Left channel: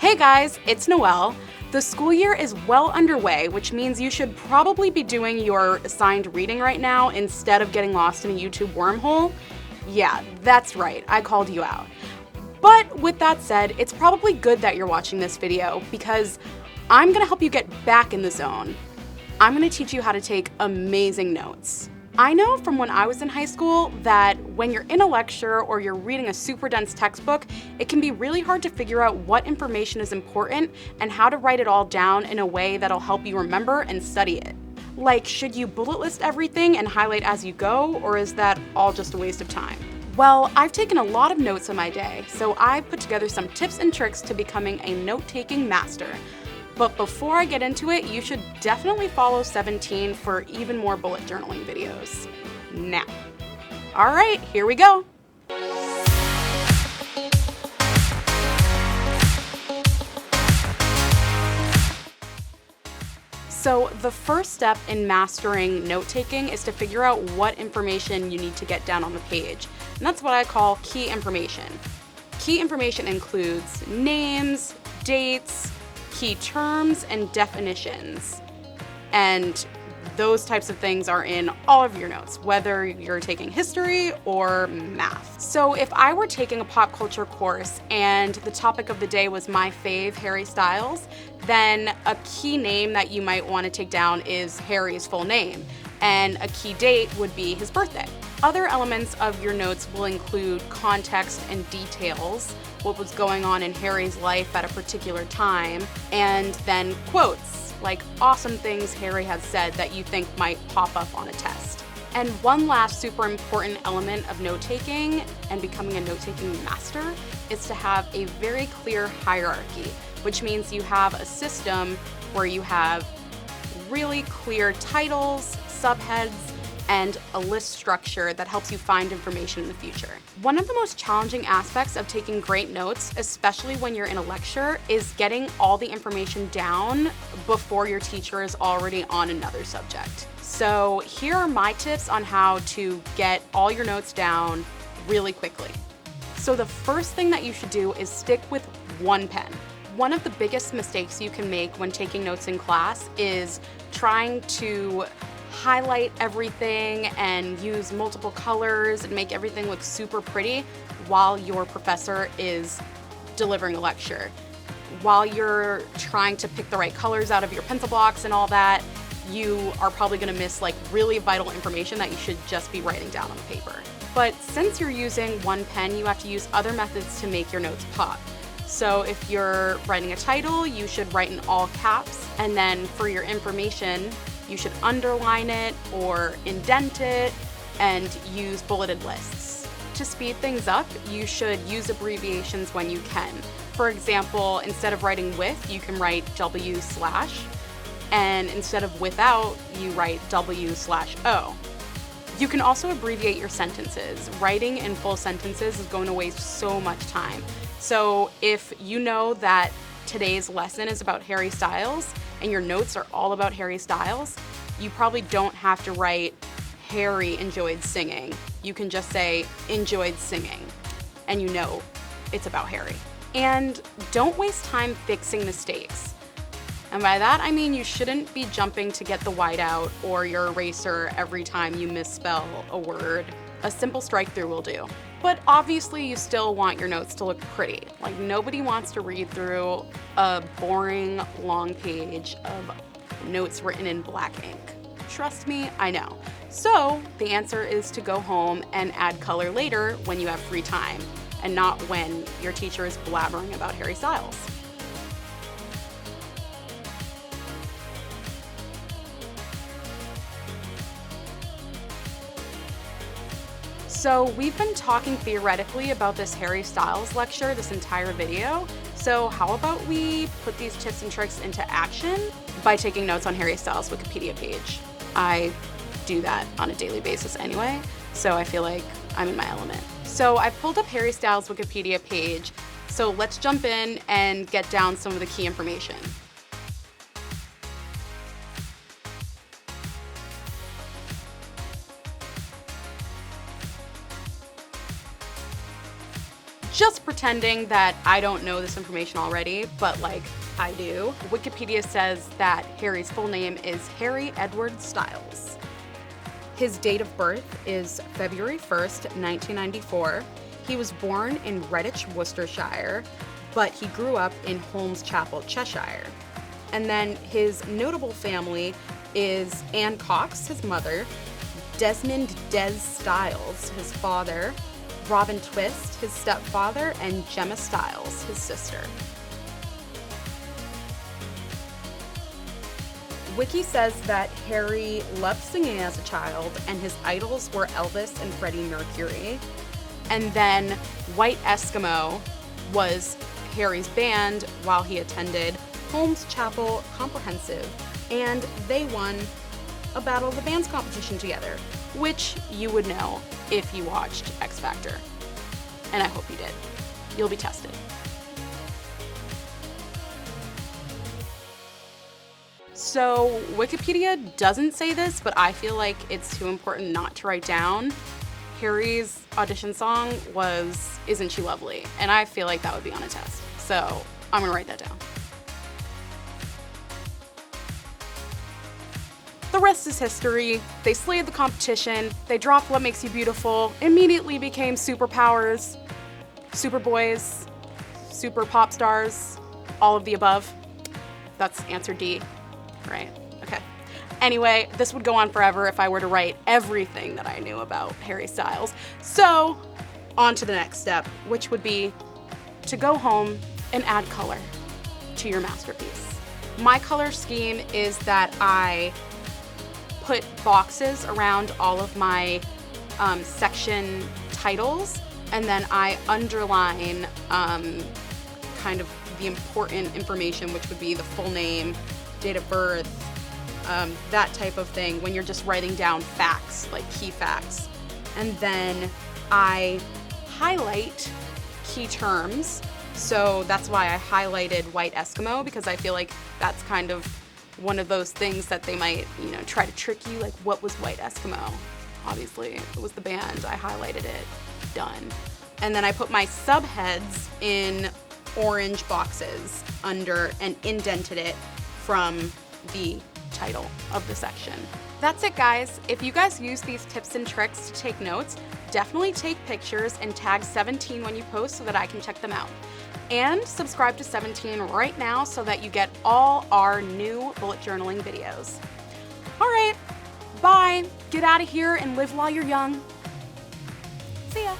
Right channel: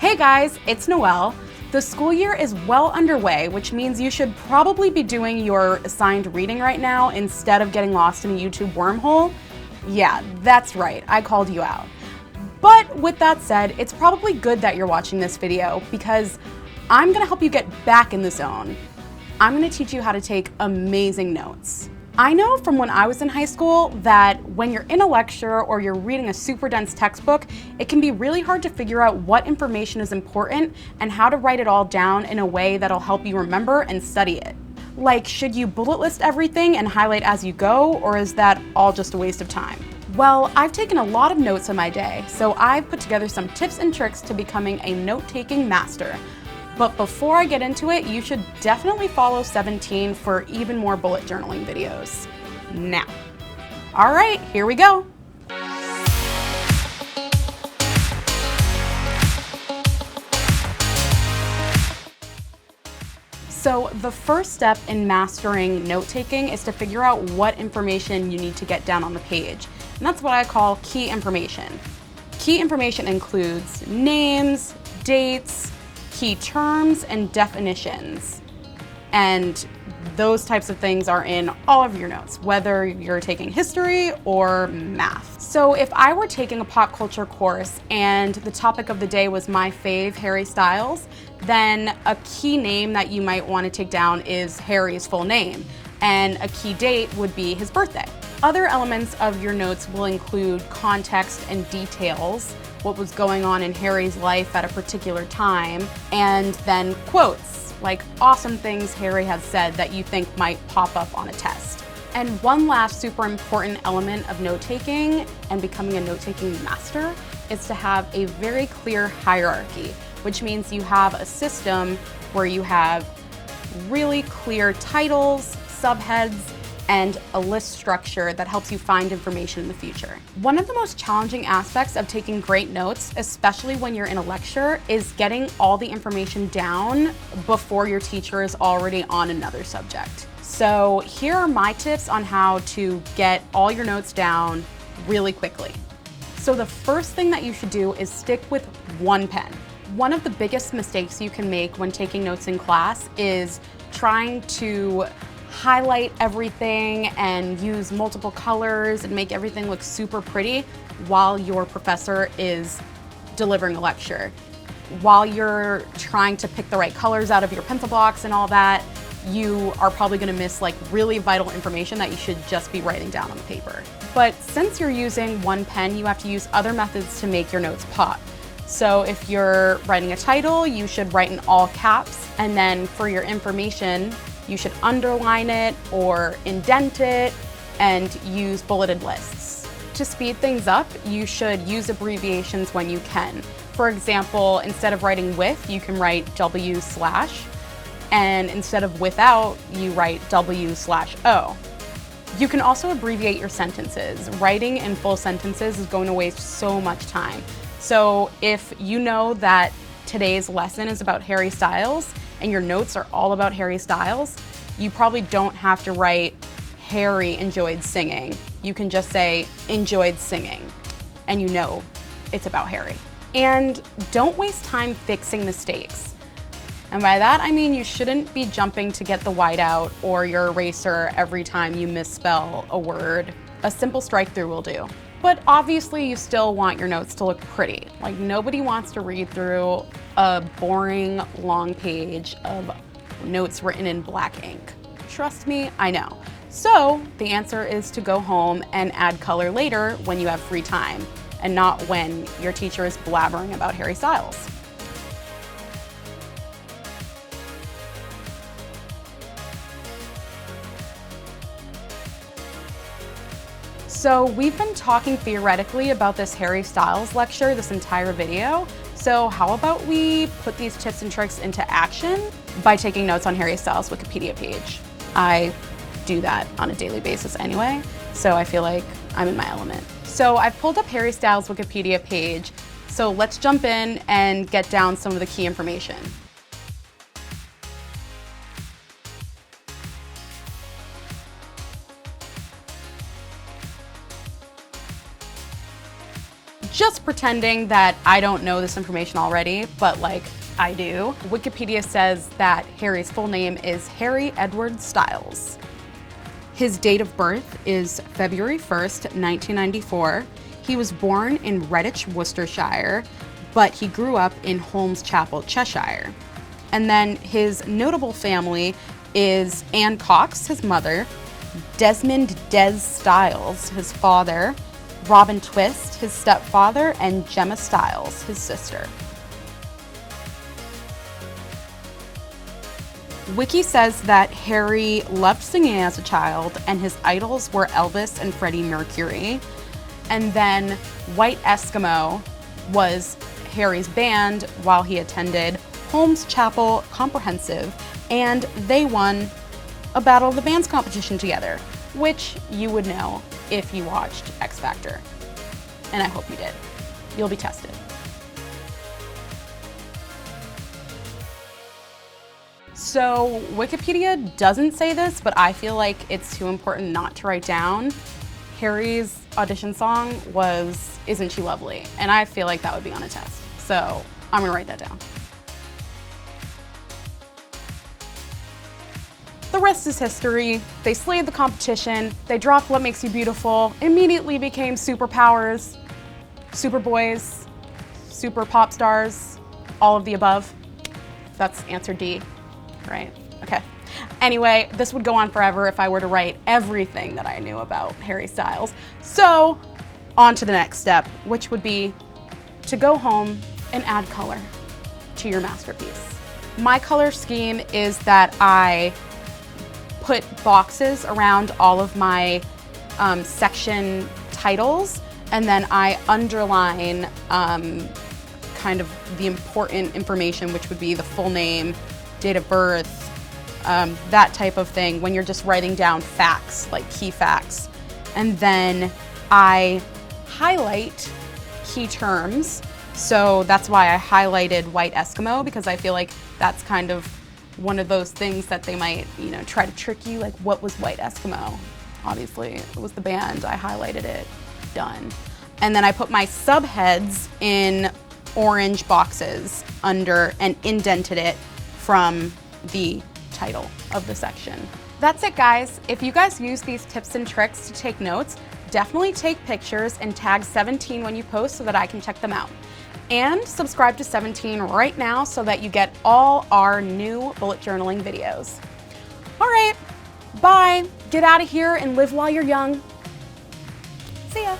Hey guys, it's Noelle. The school year is well underway, which means you should probably be doing your assigned reading right now instead of getting lost in a YouTube wormhole. Yeah, that's right, I called you out. But with that said, it's probably good that you're watching this video because I'm gonna help you get back in the zone. I'm gonna teach you how to take amazing notes. I know from when I was in high school that when you're in a lecture or you're reading a super dense textbook, it can be really hard to figure out what information is important and how to write it all down in a way that'll help you remember and study it. Like, should you bullet list everything and highlight as you go, or is that all just a waste of time? Well, I've taken a lot of notes in my day, so I've put together some tips and tricks to becoming a note-taking master. But before I get into it, you should definitely follow 17 for even more bullet journaling videos. Now, all right, here we go. So the first step in mastering note-taking is to figure out what information you need to get down on the page. And that's what I call key information. Key information includes names, dates, key terms, and definitions. And those types of things are in all of your notes, whether you're taking history or math. So if I were taking a pop culture course and the topic of the day was my fave, Harry Styles, then a key name that you might want to take down is Harry's full name, and a key date would be his birthday. Other elements of your notes will include context and details, what was going on in Harry's life at a particular time, and then quotes, like awesome things Harry has said that you think might pop up on a test. And one last super important element of note-taking and becoming a note-taking master is to have a very clear hierarchy, which means you have a system where you have really clear titles, subheads, and a list structure that helps you find information in the future. One of the most challenging aspects of taking great notes, especially when you're in a lecture, is getting all the information down before your teacher is already on another subject. So here are my tips on how to get all your notes down really quickly. So the first thing that you should do is stick with one pen. One of the biggest mistakes you can make when taking notes in class is trying to highlight everything and use multiple colors and make everything look super pretty while your professor is delivering a lecture. While you're trying to pick the right colors out of your pencil box and all that, you are probably going to miss like really vital information that you should just be writing down on the paper. But since you're using one pen, you have to use other methods to make your notes pop. So if you're writing a title, you should write in all caps, and then for your information, you should underline it or indent it and use bulleted lists. To speed things up, you should use abbreviations when you can. For example, instead of writing with, you can write W/, and instead of without, you write W/O. You can also abbreviate your sentences. Writing in full sentences is going to waste so much time. So if you know that today's lesson is about Harry Styles and your notes are all about Harry Styles, you probably don't have to write Harry enjoyed singing. You can just say enjoyed singing, and you know it's about Harry. And don't waste time fixing mistakes. And by that, I mean you shouldn't be jumping to get the whiteout or your eraser every time you misspell a word. A simple strike through will do. But obviously you still want your notes to look pretty. Like, nobody wants to read through a boring long page of notes written in black ink. Trust me, I know. So the answer is to go home and add color later when you have free time, and not when your teacher is blabbering about Harry Styles. So we've been talking theoretically about this Harry Styles lecture this entire video. So how about we put these tips and tricks into action by taking notes on Harry Styles' Wikipedia page? I do that on a daily basis anyway, so I feel like I'm in my element. So I've pulled up Harry Styles' Wikipedia page, so let's jump in and get down some of the key information. just pretending that I don't know this information already, but like I do. Wikipedia says that Harry's full name is Harry Edward Styles. His date of birth is February 1st, 1994. He was born in Redditch, Worcestershire, but he grew up in Holmes Chapel, Cheshire. And then his notable family is Anne Cox, his mother, Desmond Des Styles, his father, Robin Twist, his stepfather, and Gemma Styles, his sister. Wiki says that Harry loved singing as a child, and his idols were Elvis and Freddie Mercury. And then White Eskimo was Harry's band while he attended Holmes Chapel Comprehensive, and they won a Battle of the Bands competition together, which you would know if you watched X Factor. And I hope you did. You'll be tested. So Wikipedia doesn't say this, but I feel like it's too important not to write down. Harry's audition song was Isn't She Lovely? And I feel like that would be on a test. So I'm gonna write that down. The rest is history. They slayed the competition. They dropped What Makes You Beautiful, immediately became superpowers, super boys, super pop stars, all of the above. That's answer D, right? Okay. Anyway, this would go on forever if I were to write everything that I knew about Harry Styles. So, on to the next step, which would be to go home and add color to your masterpiece. My color scheme is that I put boxes around all of my section titles, and then I underline kind of the important information, which would be the full name, date of birth, that type of thing, when you're just writing down facts, like key facts. And then I highlight key terms. So that's why I highlighted White Eskimo, because I feel like that's kind of one of those things that they might, try to trick you, like what was White Eskimo? Obviously, it was the band. I highlighted it. Done. And then I put my subheads in orange boxes under and indented it from the title of the section. That's it, guys. If you guys use these tips and tricks to take notes, definitely take pictures and tag 17 when you post so that I can check them out. And subscribe to 17 right now so that you get all our new bullet journaling videos. All right, bye. Get out of here and live while you're young. See ya.